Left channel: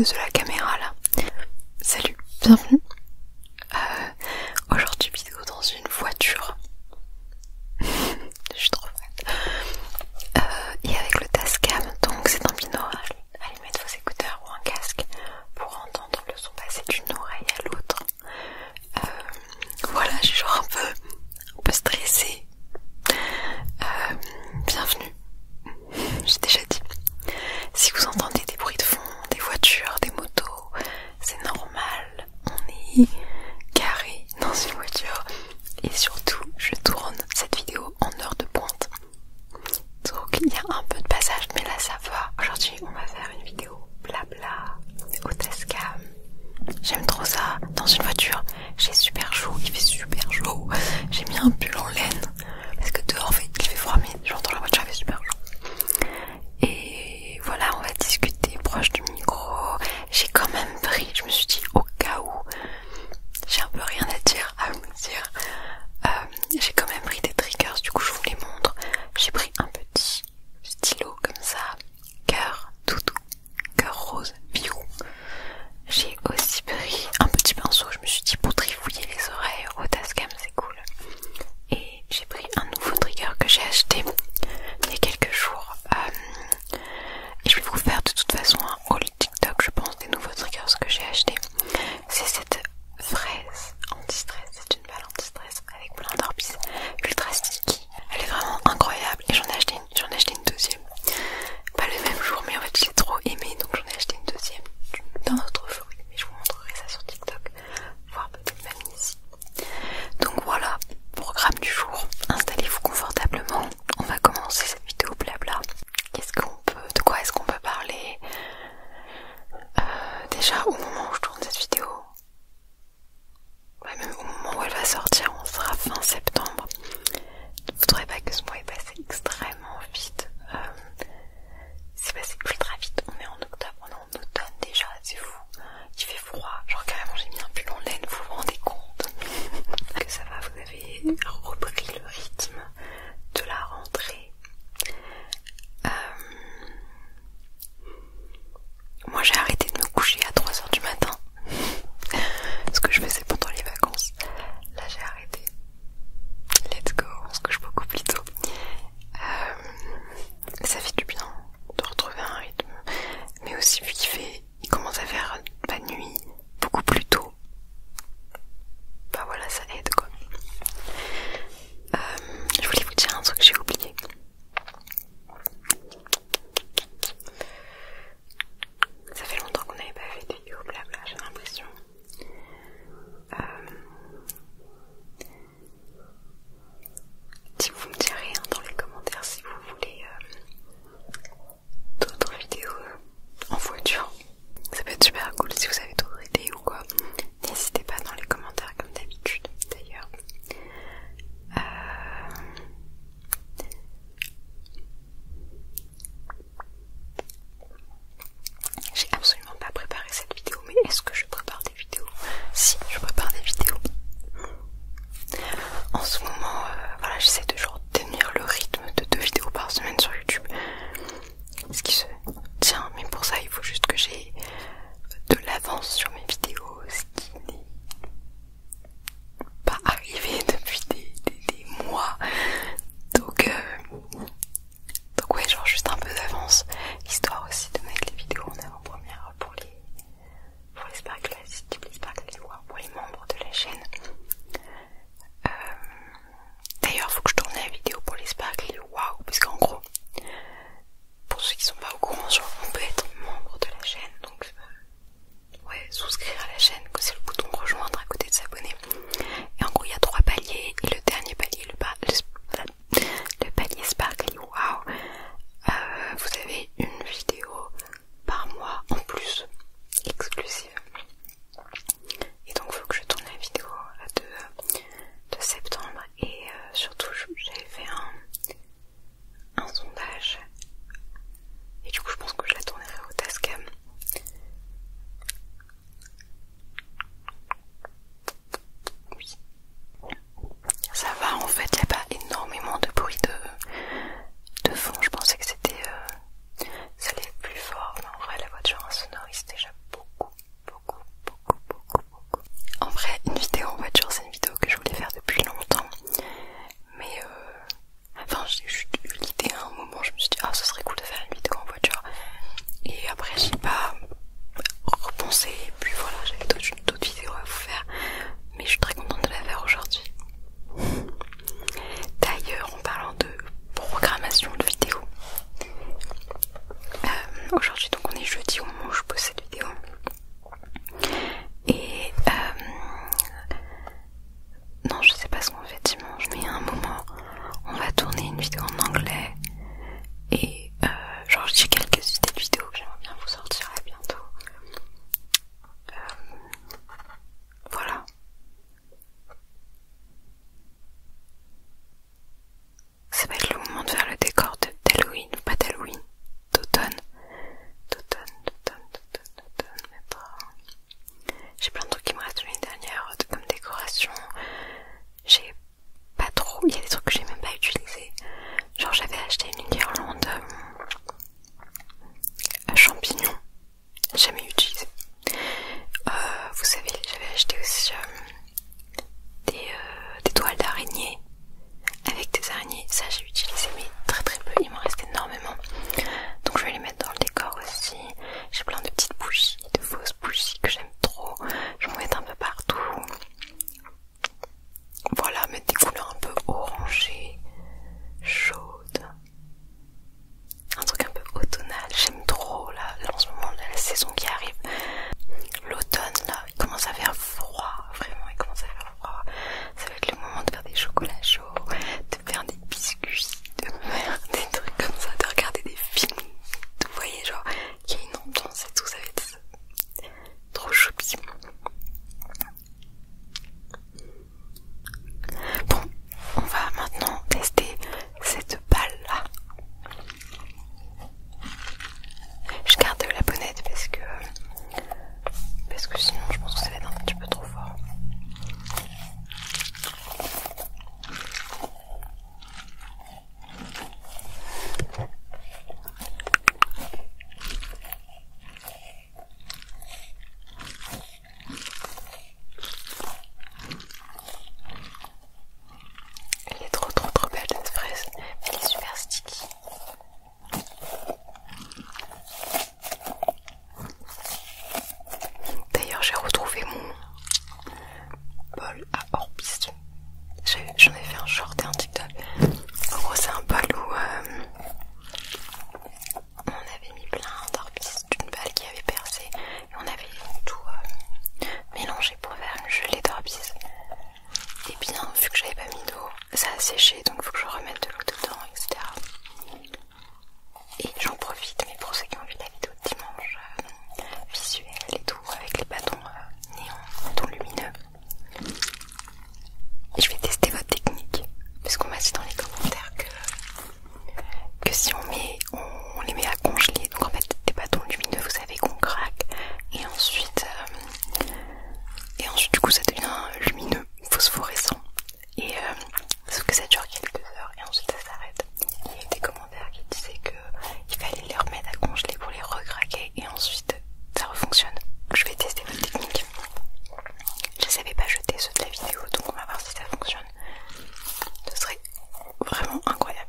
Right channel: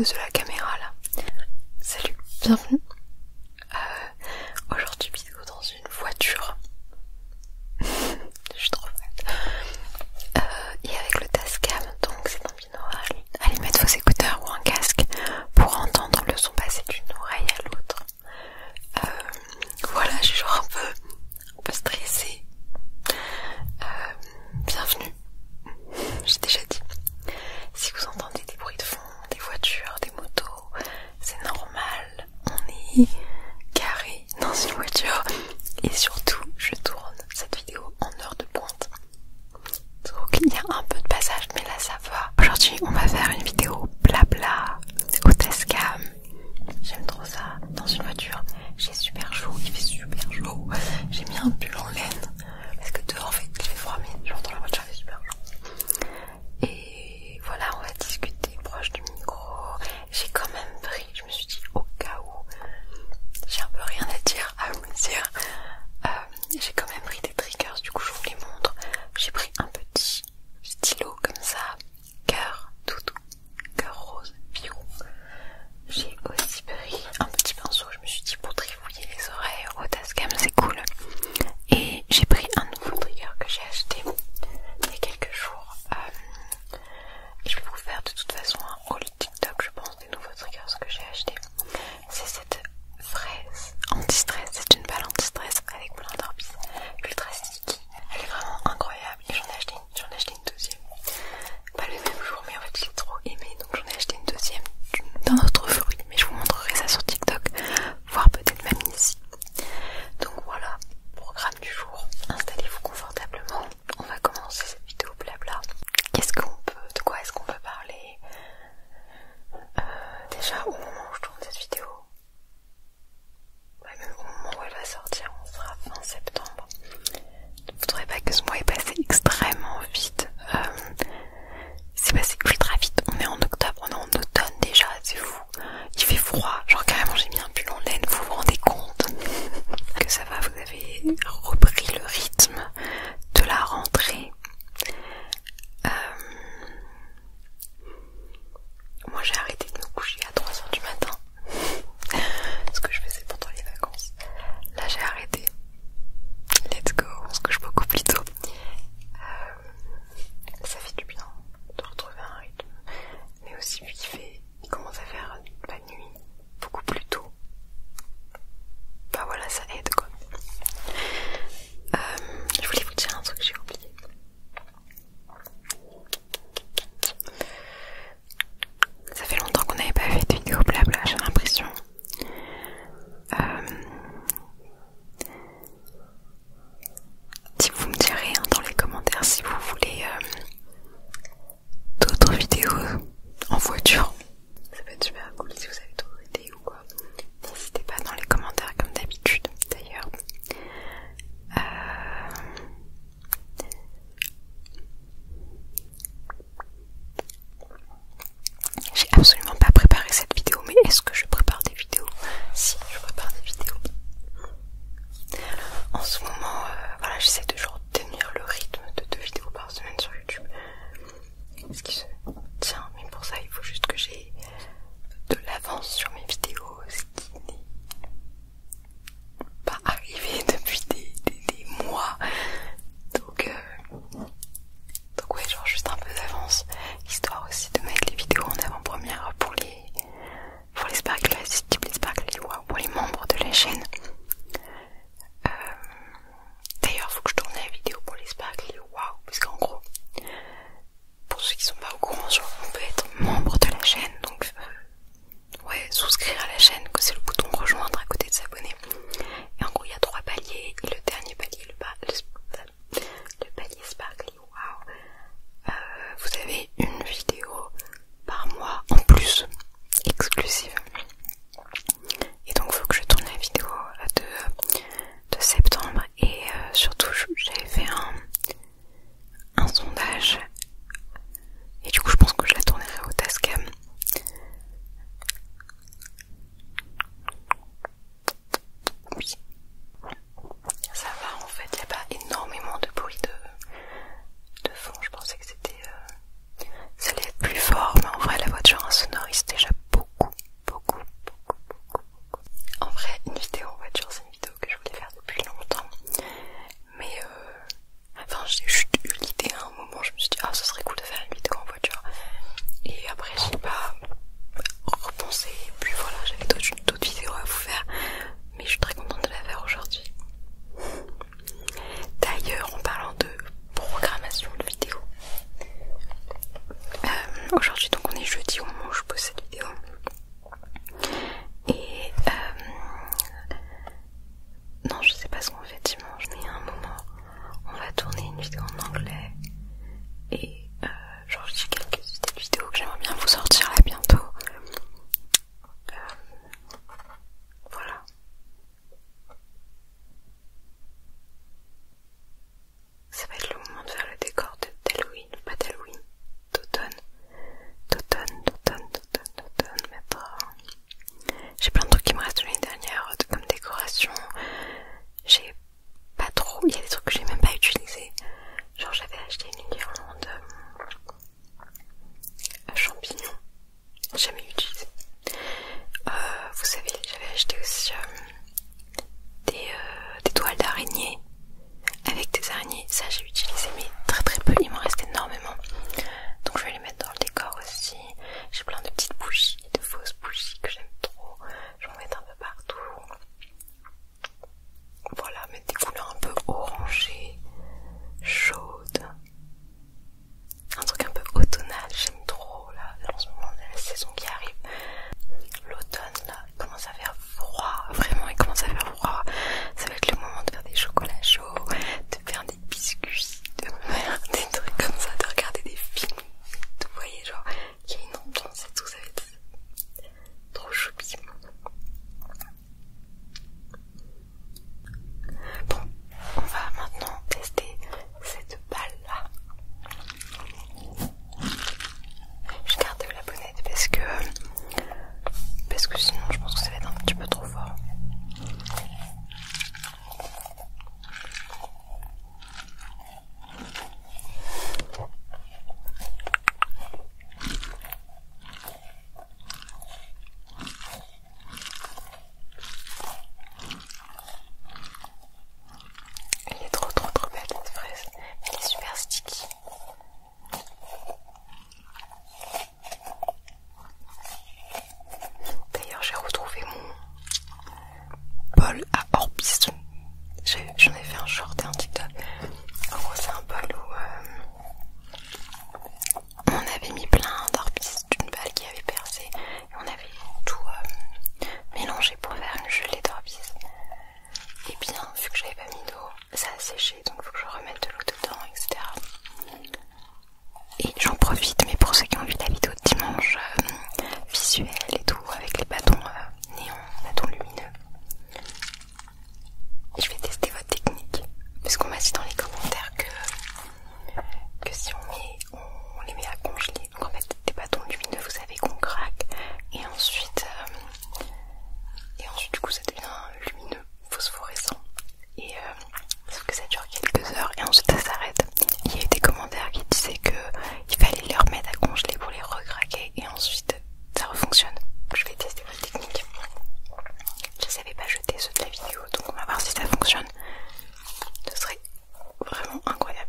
pose de la caméra là. Salut, bienvenue. Aujourd'hui vidéo dans une voiture. Je suis trop fan. Et avec le Tascam, donc c'est un binaural. Allez mettre vos écouteurs ou un casque pour entendre le son passer d'une oreille à l'autre. Voilà, je suis genre un peu stressée. Bienvenue. J'ai déjà dit. Si vous entendez des bruits de fond, des voitures, des motos, c'est normal. On est garé dans une voiture. Et surtout, je tourne cette vidéo en heure de pointe. Donc il y a un peu de passage, mais là ça va. Aujourd'hui, on va faire une vidéo blabla au Tascam. J'aime trop ça. Dans une voiture, j'ai super chaud, il fait super chaud. J'ai mis un pull en laine. Parce que dehors, en fait, il fait froid, mais genre dans la voiture, il fait super chaud. Et voilà, on va discuter proche du micro. J'ai quand même pris, je me suis dit au cas où j'ai un peu rien à dire, à vous dire. J'ai quand même pris des triggers, du coup je vous les montre. J'ai pris un petit stylo comme ça, cœur doudou, cœur rose, biou. J'ai aussi pris un petit pinceau, je me suis dit pour trifouiller les oreilles au Tascam c'est cool. Et j'ai pris un nouveau trigger que j'ai acheté il y a quelques jours. Et je vais vous faire de toute façon un haul TikTok, je pense, des nouveaux triggers que j'ai acheté. C'est cette fraise anti-stress, c'est une balle anti-stress avec plein d'orbis ultra sticky. Elle est vraiment incroyable et j'en ai acheté une deuxième. Pas le même jour, mais en fait je l'ai trop aimé, donc j'en ai acheté une deuxième d'un autre fruit, mais je vous montrerai ça sur TikTok, voire peut-être même ici. Donc voilà, programme du jour. Installez-vous confortablement. On va commencer cette vidéo blabla. De quoi est-ce qu'on peut parler? Déjà au moment où je tourne cette vidéo, même au moment où elle va sortir, on sera fin septembre. Il ne faudrait pas que ce mois ait passé extrêmement vite. C'est passé ultra vite. On est en octobre, on est en automne déjà, c'est fou. Il fait froid, genre carrément j'ai mis un pull en laine, vous vous rendez compte que ça va, vous avez repris le rythme de la rentrée. Moi j'ai arrêté de me coucher à 3h du matin, ce que je faisais pendant les vacances. Là j'ai arrêté. Let's go, on se couche beaucoup plus tôt. Ça fait du bien de retrouver un rythme, mais aussi vu il commence à faire la nuit beaucoup plus tôt. Bah voilà, ça aide quoi. Je voulais vous dire un truc que j'ai oublié. Ça fait longtemps qu'on n'avait pas fait de vidéo blabla, j'ai l'impression. Si vous me direz dans les commentaires si vous voulez d'autres vidéos en voiture, ça peut être super cool si vous avez d'autres idées ou quoi. N'hésitez pas dans les commentaires comme d'habitude d'ailleurs. J'ai absolument pas préparé cette vidéo, mais est-ce que je prépare des vidéos? Si, je prépare des vidéos. En ce moment, voilà, j'essaie de genre tenir le rythme de 2 vidéos par semaine sur YouTube. Ce qui se tient, mais pour ça il faut juste que j'ai de l'avance sur mes vidéos, ce qui n'est pas arrivé depuis des mois. Donc ouais, genre juste un peu d'avance, histoire aussi de mettre les vidéos en avant-première pour les Sparkly, type les Sparkly, wow, pour les membres de la chaîne. D'ailleurs, faut que je tourne la vidéo pour les Sparkly, waouh, parce qu'en gros, pour ceux qui sont pas au courant, aujourd'hui, donc on est jeudi au moment où je pose cette vidéo. Et non, je sais pas ce qu'on fait dimanche, mais à un moment on va tourner une vidéo en anglais. Et genre j'ai quelques idées de vidéos que j'aimerais bien vous sortir là bientôt. Voilà. Ça va être le moment de faire le décor d'Halloween, pas d'Halloween, d'automne. Mettre... J'ai plein de trucs qui me restent de l'année dernière comme décoration. J'ai pas trop, il y a des trucs que j'ai même pas utilisés. Genre j'avais acheté une guirlande à champignons, jamais utilisée. Vous savez, j'avais acheté aussi des toiles d'araignée avec des araignées. Ça j'ai utilisé mais très peu, il m'en reste énormément. Donc je vais les mettre dans le décor aussi. J'ai plein de petites bougies, de fausses bougies que j'aime trop. Je vais en mettre un peu partout. Voilà, mettre des couleurs un peu orangées, chaudes. Un truc un peu automnal, j'aime trop là en ce moment de la saison qui arrive. L'automne là, il commence à faire froid, vraiment il commence à faire froid. Ça va être le moment de faire des chocolats chauds, de faire des biscuits, de faire des trucs comme ça, de regarder des films. Vous voyez, genre, il y a une ambiance et tout, ça va être trop choupi. Bon, on va maintenant tester cette balle là. Je garde la bonnette parce que sinon je pense que ça va être un petit peu trop fort. Elle est trop belle cette fraise, elle est super sticky. D'ailleurs j'ai retrouvé mon bol à Orbis. J'en ai fait un short et un TikTok. En gros c'est un bol où on avait mis plein d'Orbis d'une balle qui avait percé et on avait tout mélangé pour faire une gelée d'Orbis. Et bien vu que j'avais pas mis d'eau, ça a séché donc il faut que je remette de l'eau dedans, etc. Et j'en profite, mais pour ceux qui ont vu la vidéo de dimanche visuelle et tout avec les bâtons néons, bâtons lumineux, et je vais tester votre technique parce qu'on m'a dit dans les commentaires que si on les met à congeler, donc en fait des bâtons lumineux vous savez qu'on craque et ensuite du coup ça devient lumineux, phosphorescent et sauf que ça dure quelques heures et ensuite ça s'arrête. Il y a eu des commentaires qui disaient qu'il fallait les remettre à congeler pour les recraquer et ensuite ça refonctionne. Je vais tester votre technique. Je ne savais pas jeter ceux de la vidéo donc on va voir si ça fonctionne. Ce serait vraiment incroyable.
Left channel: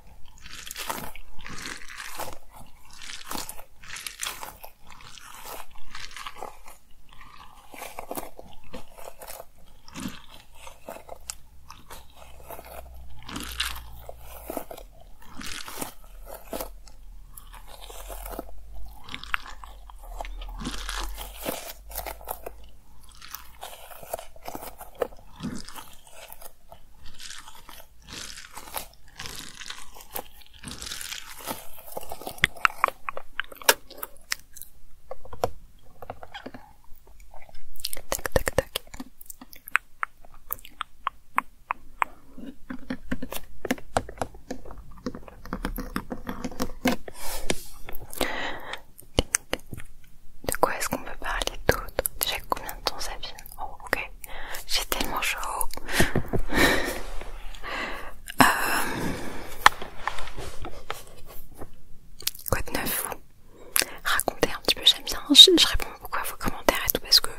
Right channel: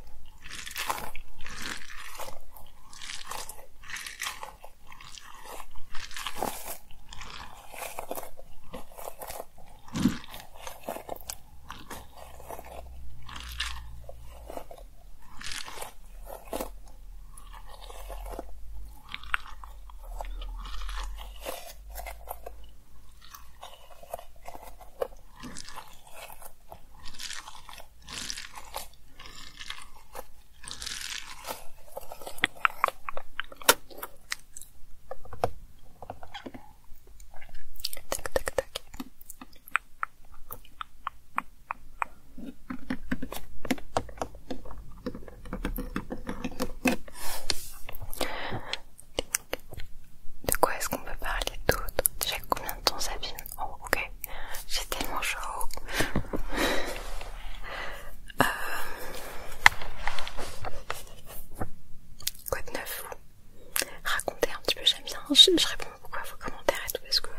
Je réponds beaucoup à vos commentaires et tout parce que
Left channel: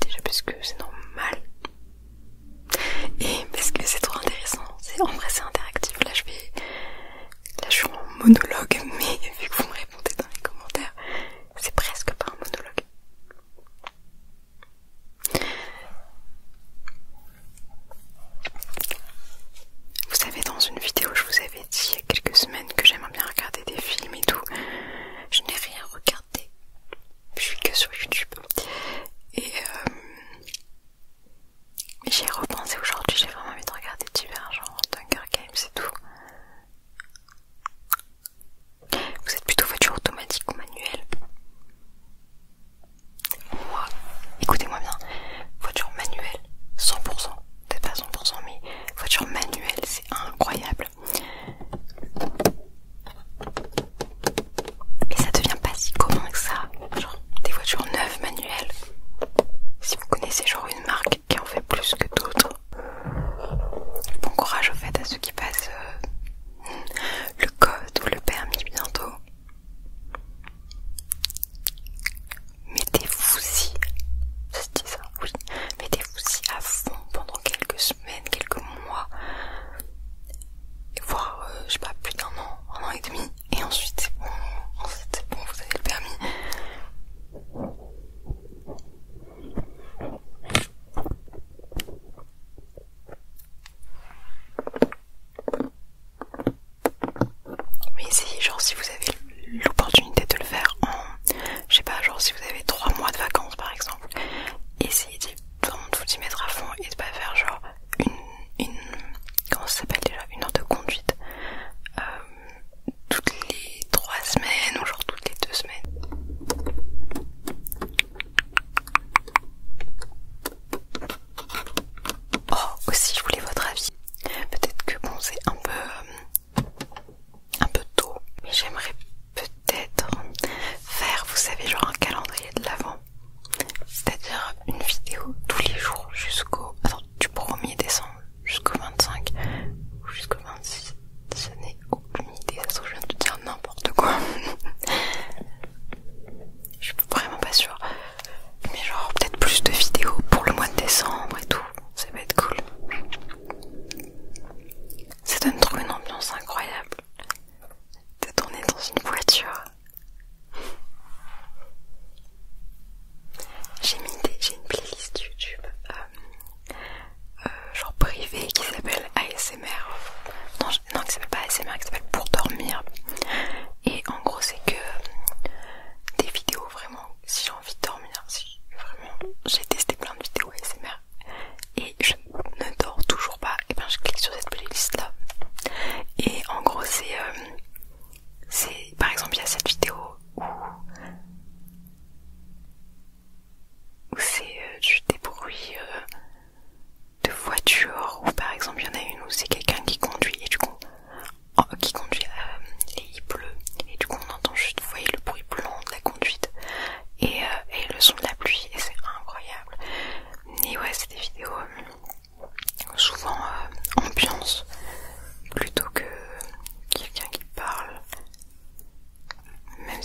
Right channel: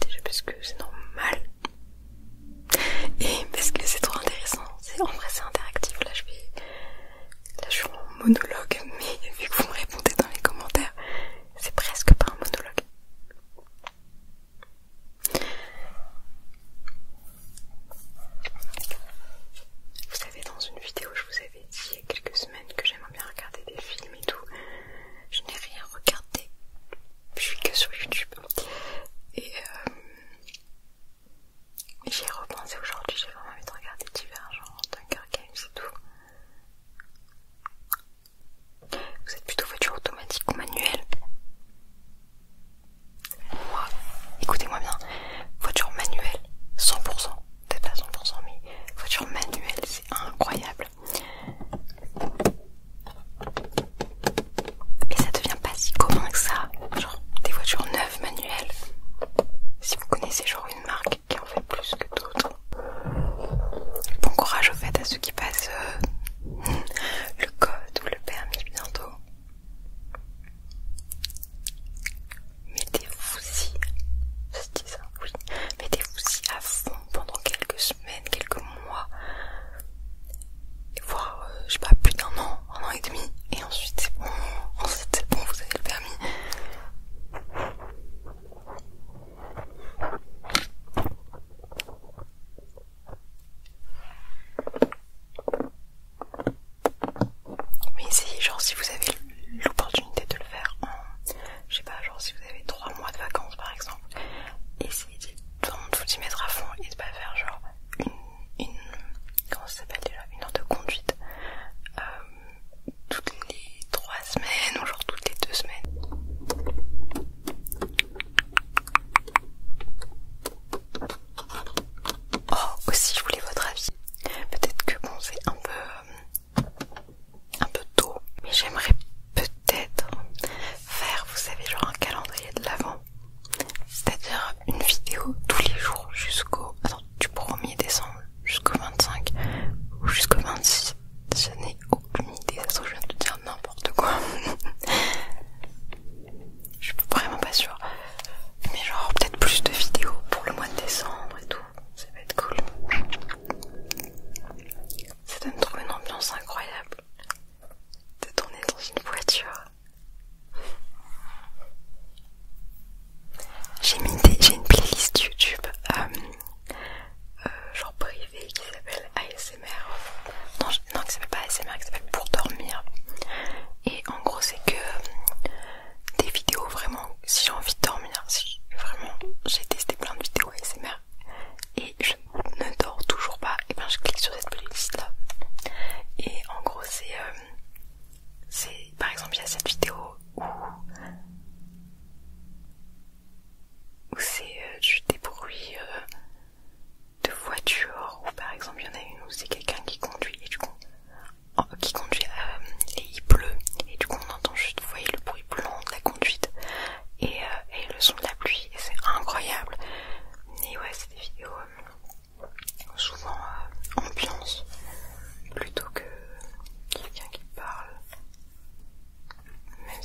déjà parce que c'est normal et parce que c'est trop intéressant. En vrai c'est interactif. Là je suis en monologue, mais vu que vous me répondez dans les commentaires, c'est presque pas un monologue. Vous savez, dans une vidéo je vous avais dit il y a quelques semaines que j'aimerais bien regarder des films et tout. Je n'ai rien regardé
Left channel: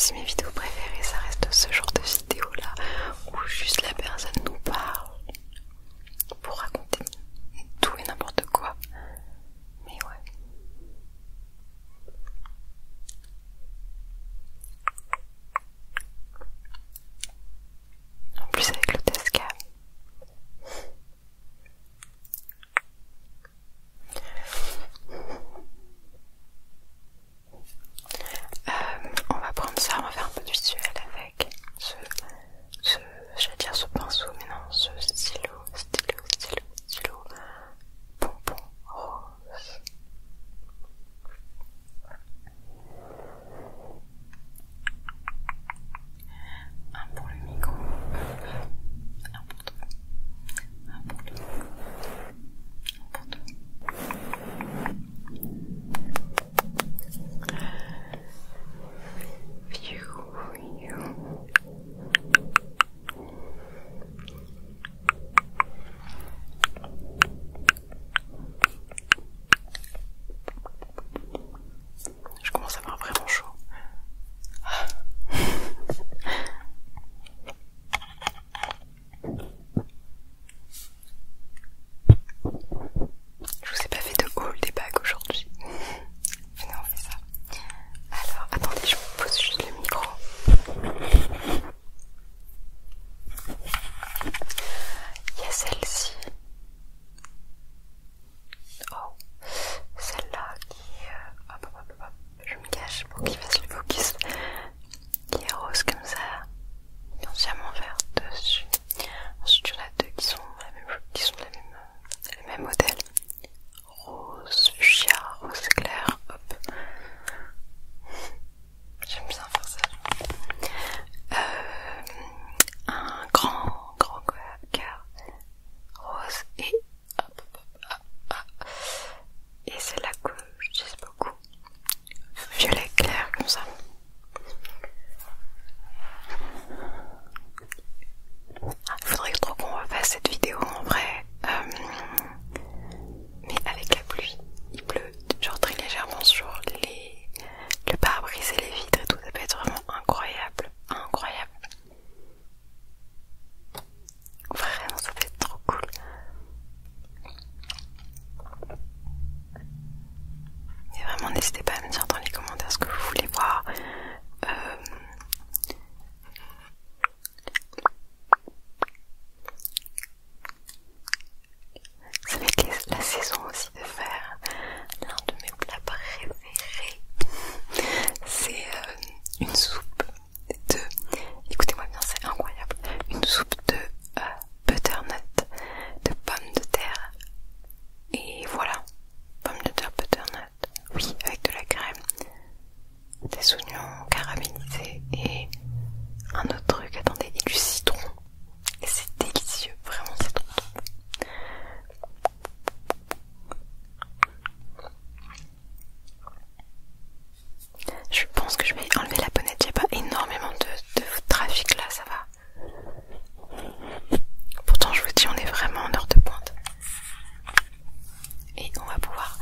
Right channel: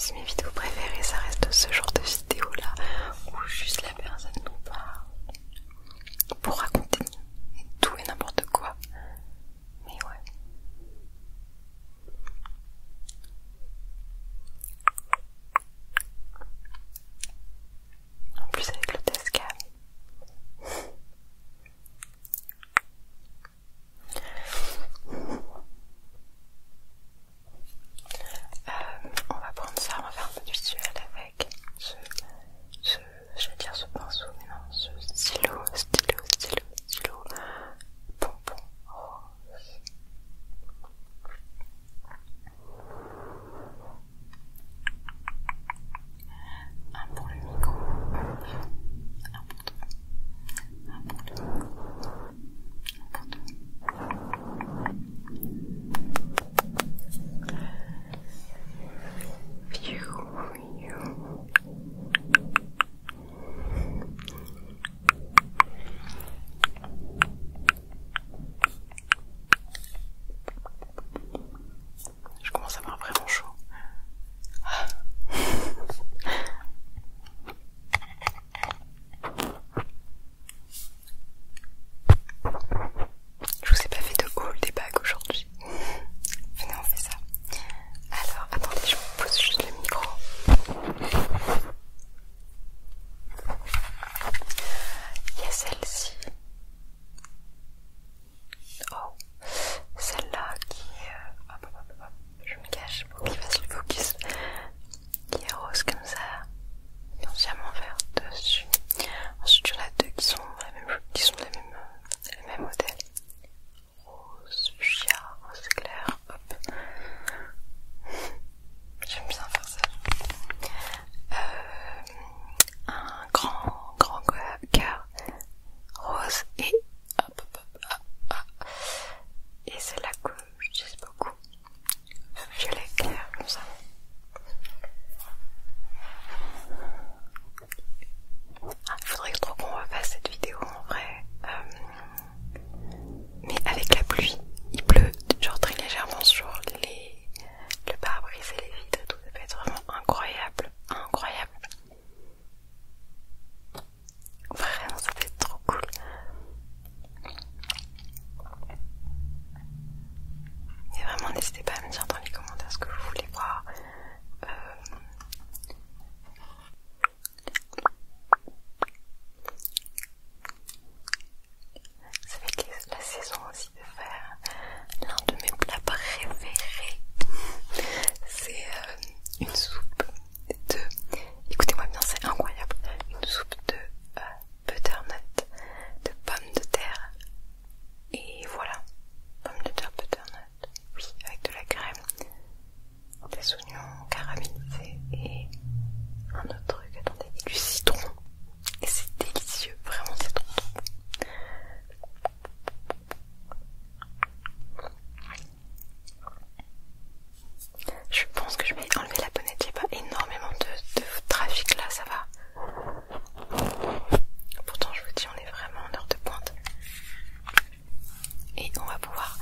si mes vidéos préférées ça reste ce genre de vidéo là où juste la personne nous parle pour raconter tout et n'importe quoi. Mais ouais. En plus avec le Tascam. On va prendre ça, on va faire un peu de visuel avec j'allais dire ce pinceau, mais non, ce stylo bonbon rose. Un pour le micro, un pour toi, un pour le micro, un pour toi. Je commence à avoir vraiment chaud. Je vous ai pas fait de haul des bagues aujourd'hui. Venez, on fait ça. Alors, attendez, je vous pose juste le micro. Il y a celle-ci. Oh, celle-là qui est... Hop, je me cache pour qu'il fasse le focus. Qui est rose comme ça. Et entièrement vert dessus. Ensuite, il y en a deux qui sont le même modèle. Rose fuchsia, rose clair, hop. J'aime bien faire ça. Un grand cœur rose et hop. Et c'est là que j'utilise beaucoup. Violet clair comme ça. Il faudrait trop qu'on refasse cette vidéo en vrai. Mais avec la pluie, il pleut genre très légèrement sur le pare-brise et les vitres et tout, ça peut être vraiment incroyable. Vraiment, ça peut être trop cool. Et vraiment, n'hésitez pas à me dire dans les commentaires ce que vous voulez voir. Ça va être la saison aussi de faire l'un de mes plats préférés. C'est une soupe de... Écoutez-moi bien, c'est incroyable. Une soupe de butternut, de pommes de terre. Et voilà, pommes de terre, butternut. Oui, avec de la crème, des oignons caramélisés et un autre truc, attendez, et du citron. Et c'est délicieux, vraiment c'est trop bon. Je pense que je vais enlever la bonnette, il n'y a pas énormément de trafic là, ça va. Pourtant je vous dis, on est vraiment en heure de pointe. Et on va pouvoir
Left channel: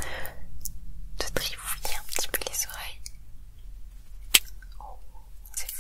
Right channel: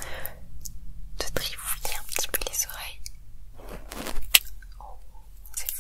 te trifouiller un petit peu les oreilles. Oh, c'est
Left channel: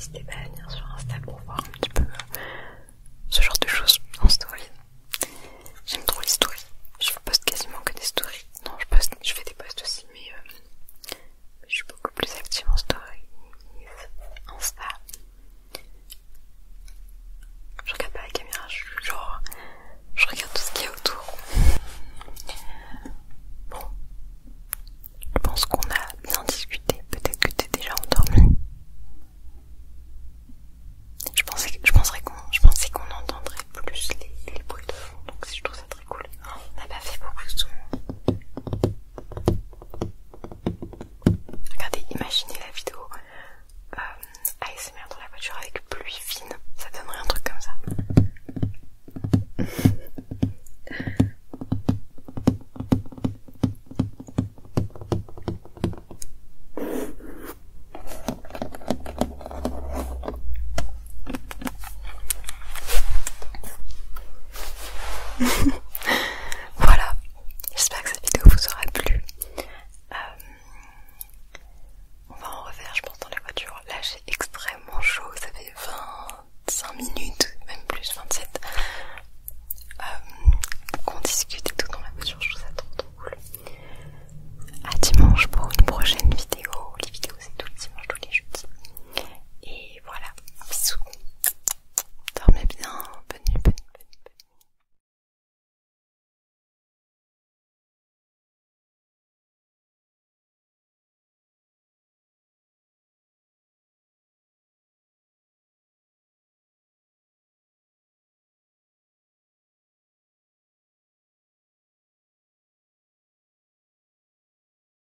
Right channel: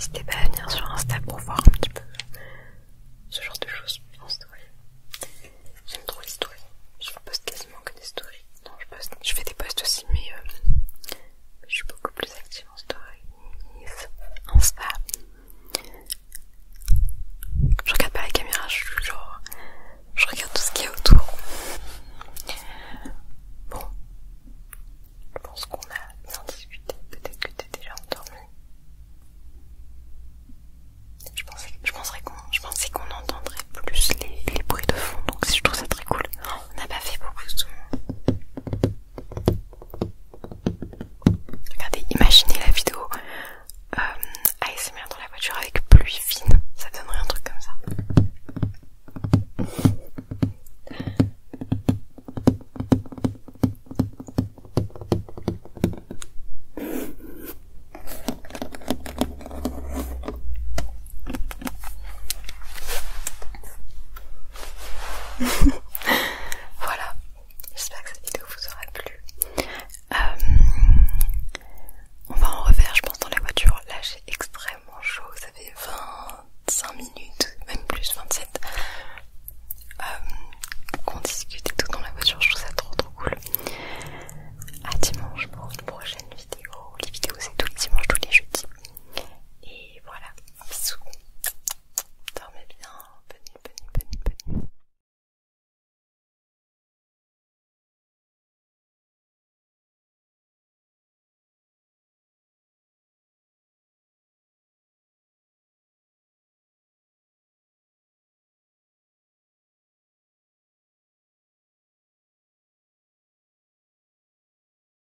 n'hésitez pas à venir sur Insta pour voir